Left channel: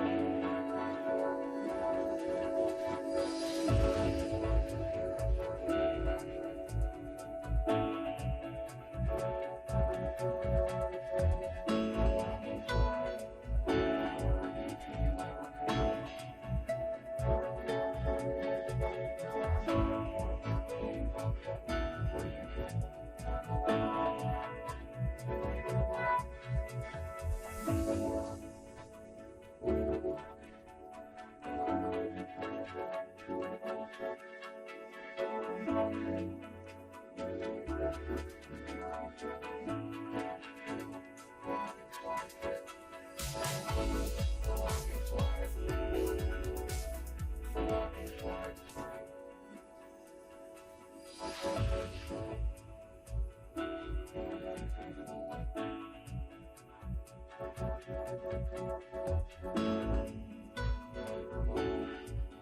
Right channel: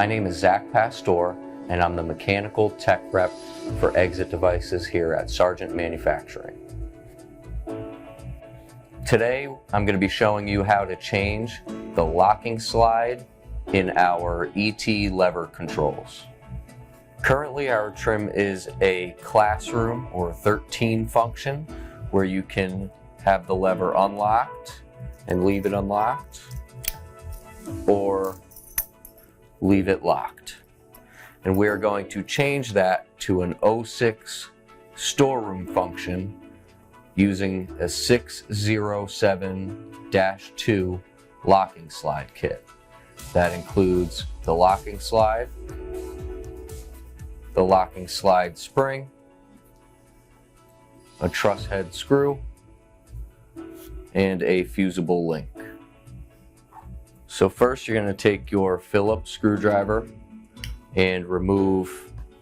My name is Zach Pastor, and I'm the Mechanical Tech Rep for Exit Devices here at Sargent Manufacturing. Today, I'm going to be showing you how to change the locking slide in our ET lever controls. Currently, our trim is a classroom or 13 function where you can have the lever unlocked and leave it unlocked, or leave it locked. And we are going to change that to an 06 storeroom function using a 607-2 locking slide kit. That includes the locking slide spring, a truss head screw, and a fusible link. So first you're going to take your Phillips screwdriver and remove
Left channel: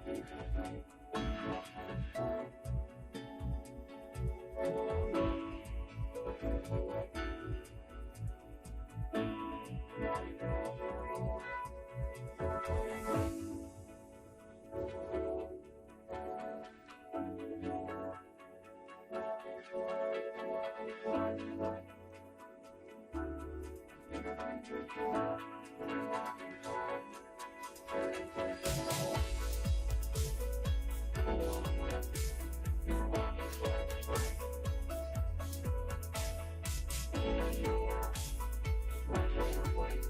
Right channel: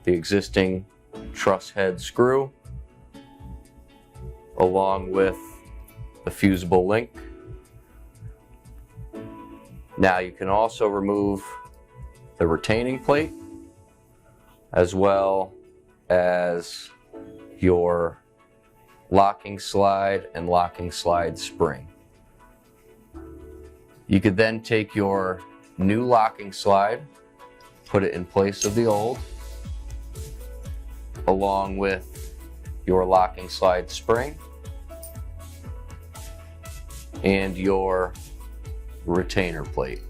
the existing truss head screw along with the fusible link. Now you can also remove the retaining plate as well as your locking slide and locking slide spring. You could then take your new locking slide, put it in place of the old, along with your locking slide spring and your retainer plate.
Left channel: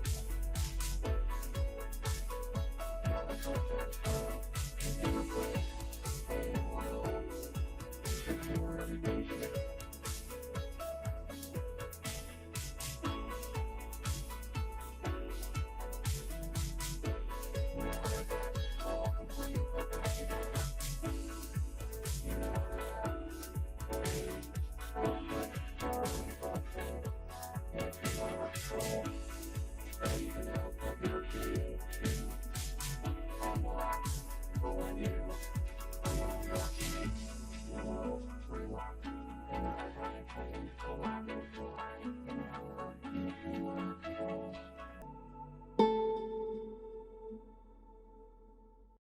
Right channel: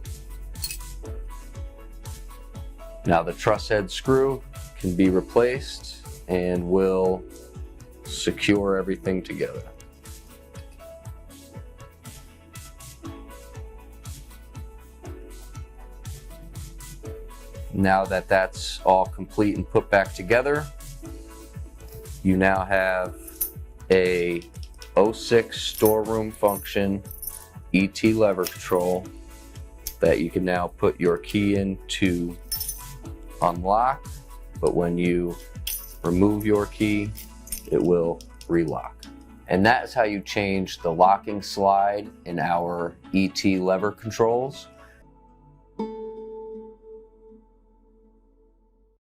Now the truss head screw can be replaced and will secure everything together. Now that that's all complete and put back together, you now have a 06 storeroom function ET lever control that you can now put your key in to unlock, but when you remove your key, it will relock. And that is how you change the locking slide in our ET lever controls.